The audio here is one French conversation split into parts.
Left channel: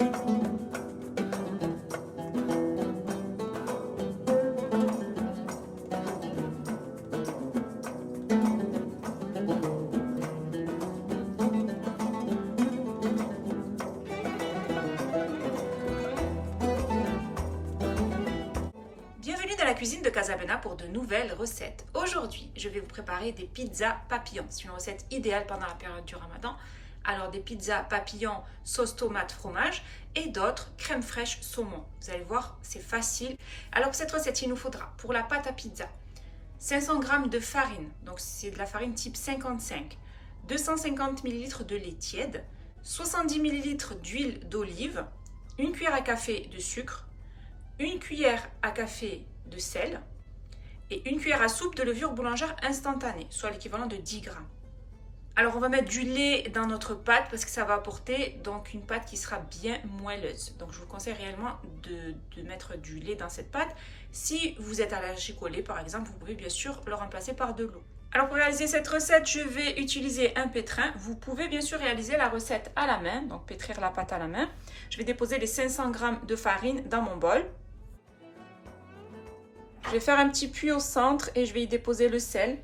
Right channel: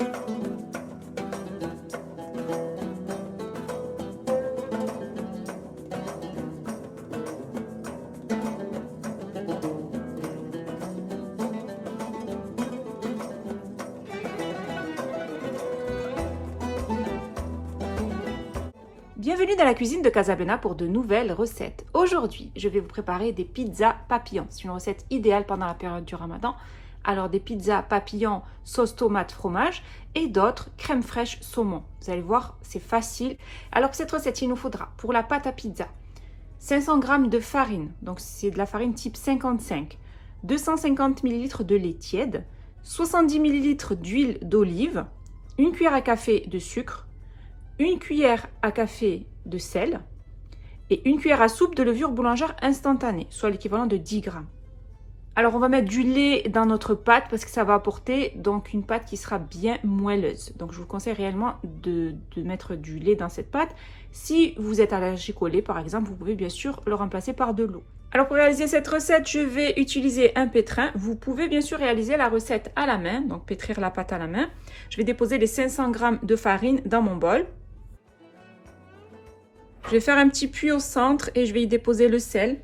Bienvenue dans la cuisine de Casablanca pour de nouvelles recettes. Aujourd'hui, je vais vous préparer des pizzas papillons. C'est une recette idéale pendant la période du Ramadan. Alors des pizzas papillons sauce tomate fromage et d'autres crème fraîche saumon. Vous allez voir, c'est facile. Alors pour cette recette, il nous faudra pour la pâte à pizza 500 g de farine, donc c'est de la farine type 55, 250 ml de lait tiède, 70 ml d'huile d'olive, une cuillère à café de sucre, une cuillère à café de sel et une cuillère à soupe de levure boulangère instantanée, soit l'équivalent de 10 g. Alors on va mettre du lait dans notre pâte parce que ça va apporter donc une pâte qui sera bien moelleuse. Donc je vous conseille réellement de mettre du lait dans cette pâte. Si vous êtes allergique au lait par exemple, vous pouvez bien sûr le remplacer par de l'eau. Alors pour réaliser cette recette, je vais utiliser un pétrin. Vous pouvez bien sûr réaliser la recette à la main, donc pétrir la pâte à la main. Je vais déposer les 500 g de farine dans mon bol. Je vais faire un petit puits au centre et je vais y déposer le sel.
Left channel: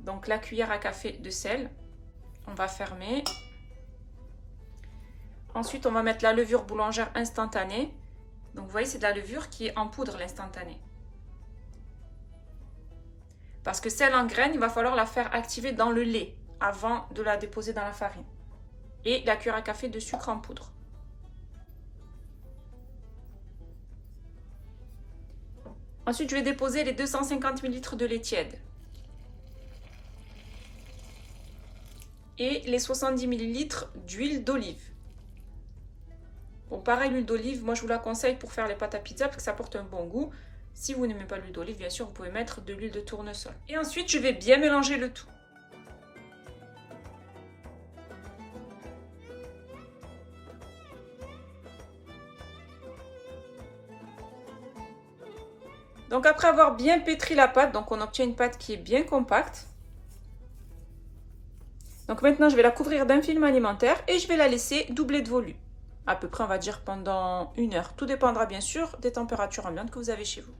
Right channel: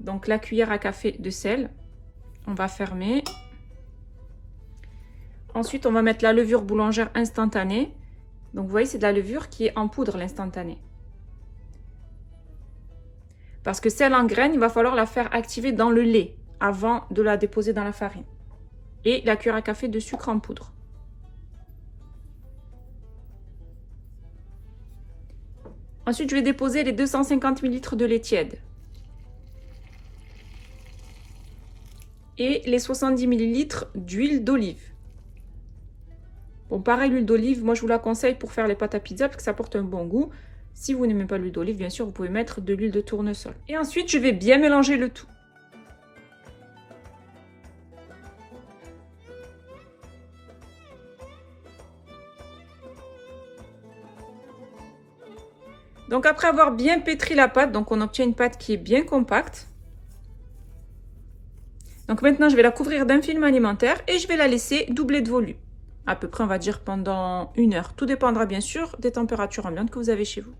Donc la cuillère à café de sel. On va fermer. Ensuite, on va mettre la levure boulangère instantanée. Donc vous voyez, c'est de la levure qui est en poudre, l'instantanée. Parce que celle en graines, il va falloir la faire activer dans le lait avant de la déposer dans la farine. Et la cuillère à café de sucre en poudre. Ensuite, je vais déposer les 250 ml de lait tiède. Et les 70 ml d'huile d'olive. Bon, pareil, l'huile d'olive, moi je vous la conseille pour faire les pâtes à pizza parce que ça apporte un bon goût. Si vous n'aimez pas l'huile d'olive, bien sûr, vous pouvez mettre de l'huile de tournesol. Et ensuite, je vais bien mélanger le tout. Donc après avoir bien pétri la pâte, donc on obtient une pâte qui est bien compacte. Donc maintenant, je vais la couvrir d'un film alimentaire et je vais la laisser doubler de volume. À peu près, on va dire pendant 1 heure. Tout dépendra bien sûr des températures ambiantes que vous avez chez vous.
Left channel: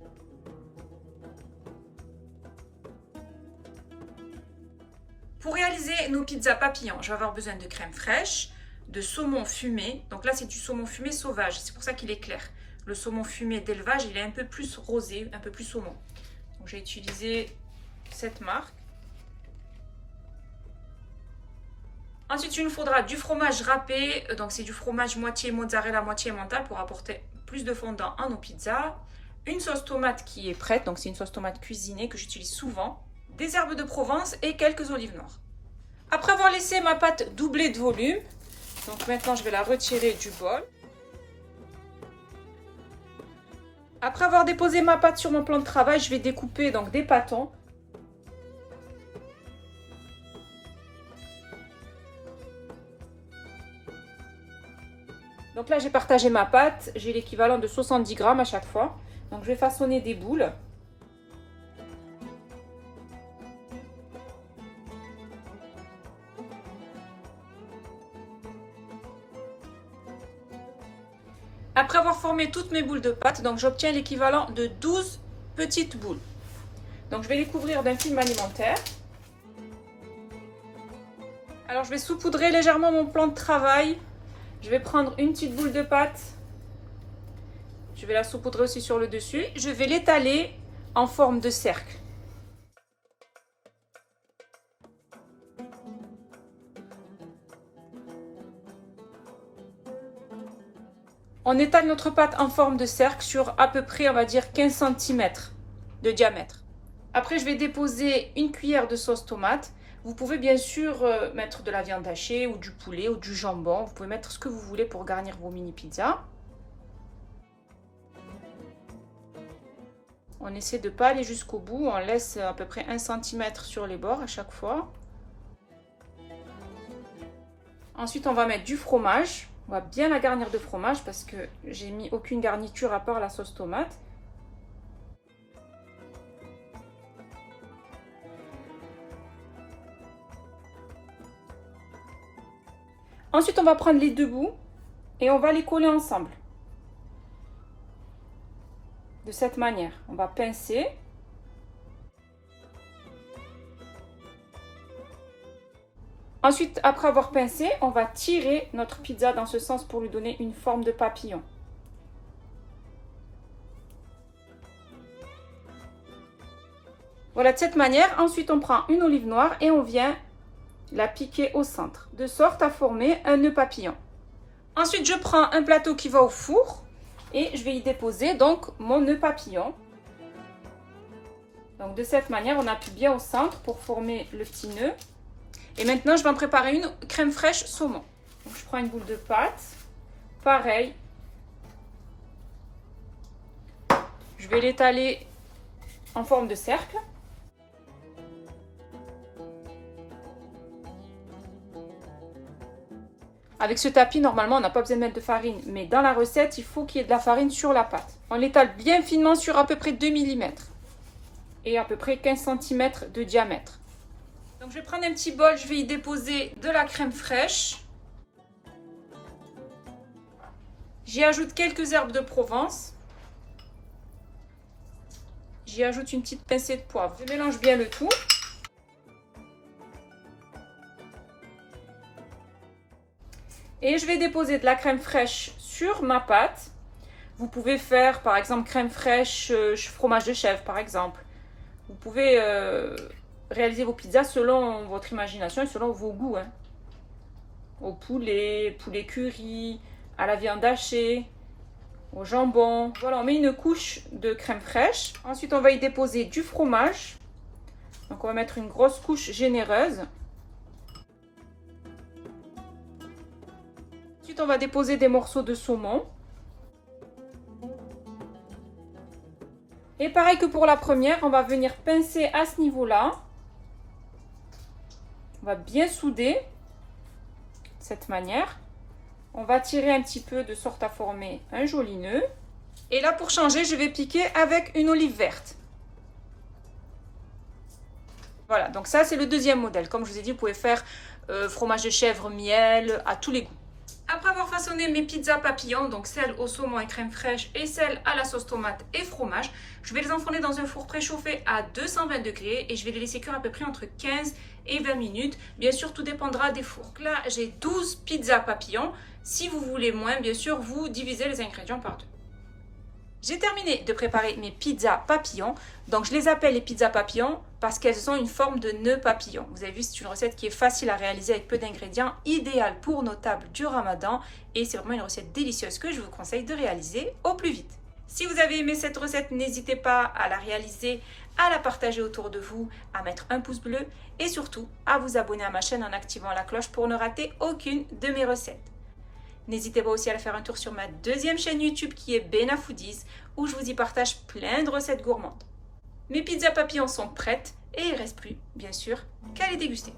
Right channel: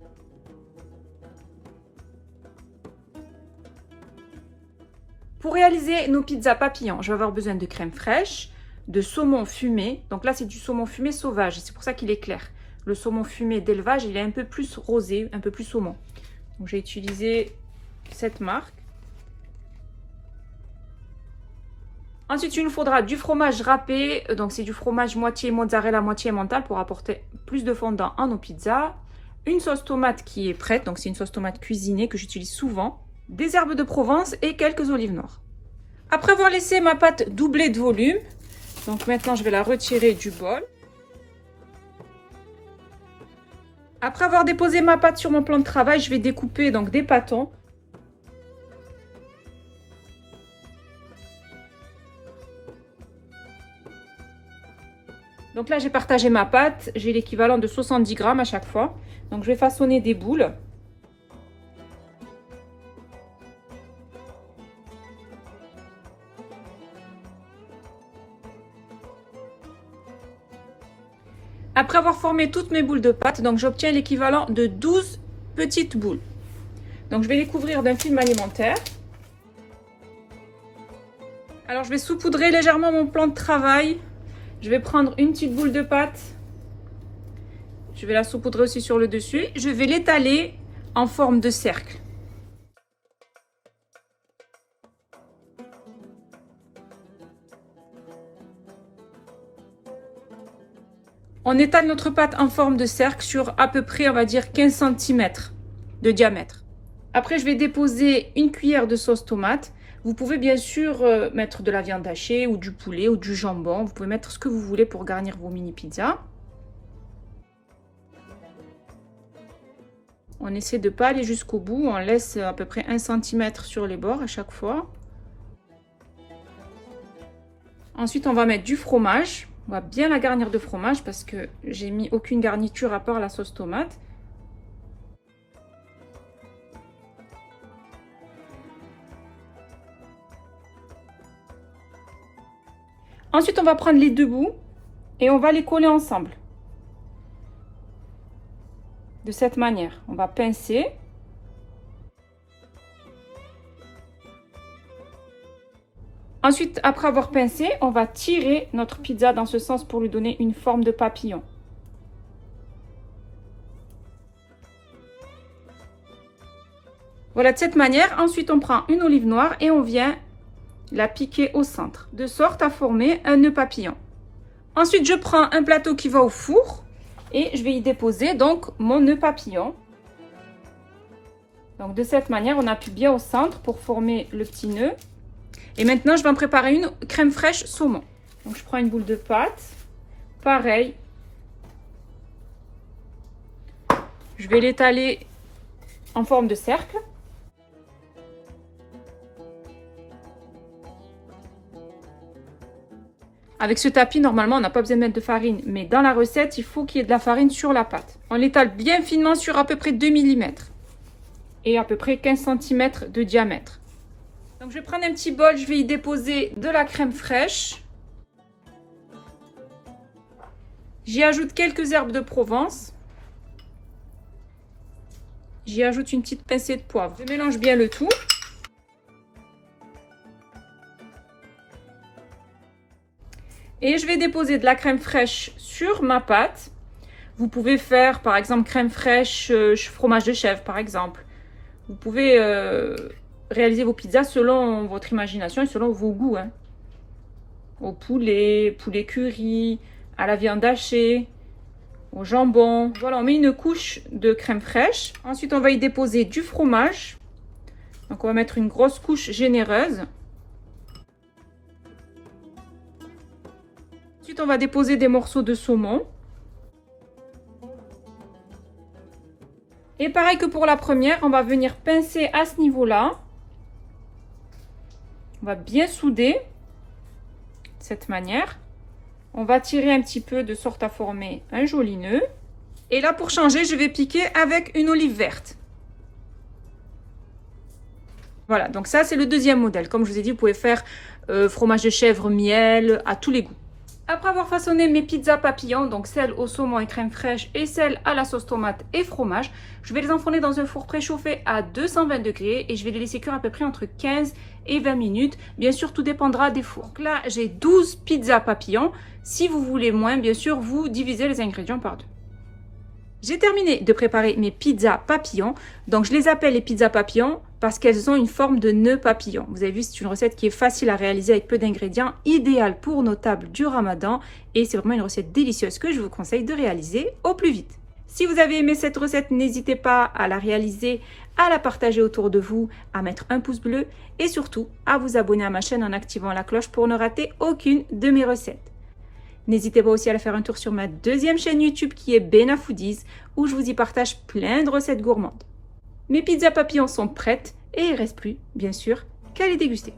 Pour réaliser nos pizzas papillons, je vais avoir besoin de crème fraîche, de saumon fumé. Donc là, c'est du saumon fumé sauvage, c'est pour ça qu'il est clair. Le saumon fumé d'élevage, il est un peu plus rosé, un peu plus saumon. Donc j'ai utilisé cette marque. Ensuite, il nous faudra du fromage râpé. Donc c'est du fromage moitié mozzarella, moitié emmental pour apporter plus de fondant à nos pizzas. Une sauce tomate qui est prête, donc c'est une sauce tomate cuisinée que j'utilise souvent. Des herbes de Provence et quelques olives noires. Après avoir laissé ma pâte doubler de volume, donc maintenant je vais la retirer du bol. Après avoir déposé ma pâte sur mon plan de travail, je vais découper donc des pâtons. Donc là, j'ai partagé ma pâte, j'ai l'équivalent de 70 g à chaque fois. Donc je vais façonner des boules. Après avoir formé toutes mes boules de pâte, donc j'obtiens l'équivalent de 12 petites boules. Donc je vais les couvrir d'un film alimentaire. Alors je vais saupoudrer légèrement mon plan de travail. Je vais prendre une petite boule de pâte. Je vais la saupoudrer aussi sur le dessus. Je vais l'étaler en forme de cercle. On étale notre pâte en forme de cercle sur à peu près, on va dire, 15 cm de diamètre. Après, je vais déposer une cuillère de sauce tomate. Vous pouvez bien sûr mettre de la viande hachée ou du poulet ou du jambon. Vous pouvez mettre ce que vous voulez pour garnir vos mini pizzas. On essaie de ne pas aller jusqu'au bout. On laisse à peu près 1 cm sur les bords à chaque fois. Ensuite, on va mettre du fromage. On va bien la garnir de fromage parce que j'ai mis aucune garniture à part la sauce tomate. Ensuite, on va prendre les deux bouts et on va les coller ensemble. De cette manière, on va pincer. Ensuite, après avoir pincé, on va tirer notre pizza dans ce sens pour lui donner une forme de papillon. Voilà, de cette manière. Ensuite, on prend une olive noire et on vient la piquer au centre, de sorte à former un nœud papillon. Ensuite, je prends un plateau qui va au four et je vais y déposer donc mon nœud papillon. Donc de cette manière, on appuie bien au centre pour former le petit nœud. Et maintenant, je vais en préparer une crème fraîche saumon. Donc je prends une boule de pâte, pareil. Je vais l'étaler en forme de cercle. Avec ce tapis, normalement, on n'a pas besoin de mettre de farine, mais dans la recette, il faut qu'il y ait de la farine sur la pâte. On l'étale bien finement sur à peu près 2 mm et à peu près 15 cm de diamètre. Donc, je vais prendre un petit bol, je vais y déposer de la crème fraîche. J'y ajoute quelques herbes de Provence. J'y ajoute une petite pincée de poivre. Je mélange bien le tout. Et je vais déposer de la crème fraîche sur ma pâte. Vous pouvez faire par exemple crème fraîche, fromage de chèvre par exemple. Vous pouvez réaliser vos pizzas selon votre imagination et selon vos goûts. Hein. Au poulet, poulet curry, à la viande hachée, au jambon. Voilà, on met une couche de crème fraîche. Ensuite, on va y déposer du fromage. Donc, on va mettre une grosse couche généreuse. Ensuite, on va déposer des morceaux de saumon. Et pareil que pour la première, on va venir pincer à ce niveau-là. On va bien souder de cette manière. On va tirer un petit peu de sorte à former un joli nœud. Et là, pour changer, je vais piquer avec une olive verte. Voilà, donc ça, c'est le deuxième modèle. Comme je vous ai dit, vous pouvez faire fromage de chèvre, miel, à tous les goûts. Après avoir façonné mes pizzas papillons, donc celles au saumon et crème fraîche et celles à la sauce tomate et fromage, je vais les enfourner dans un four préchauffé à 220 degrés et je vais les laisser cuire à peu près entre 15 et 20 minutes. Bien sûr, tout dépendra des fours. Donc là, j'ai 12 pizzas papillons. Si vous voulez moins, bien sûr, vous divisez les ingrédients par deux. J'ai terminé de préparer mes pizzas papillons. Donc, je les appelle les pizzas papillons parce qu'elles ont une forme de nœud papillon. Vous avez vu, c'est une recette qui est facile à réaliser avec peu d'ingrédients, idéale pour nos tables du Ramadan. Et c'est vraiment une recette délicieuse que je vous conseille de réaliser au plus vite. Si vous avez aimé cette recette, n'hésitez pas à la réaliser, à la partager autour de vous, à mettre un pouce bleu et surtout à vous abonner à ma chaîne en activant la cloche pour ne rater aucune de mes recettes. N'hésitez pas aussi à aller faire un tour sur ma deuxième chaîne YouTube qui est Bena Foodies où je vous y partage plein de recettes gourmandes. Mes pizzas papillons sont prêtes et il ne reste plus, bien sûr, qu'à les déguster.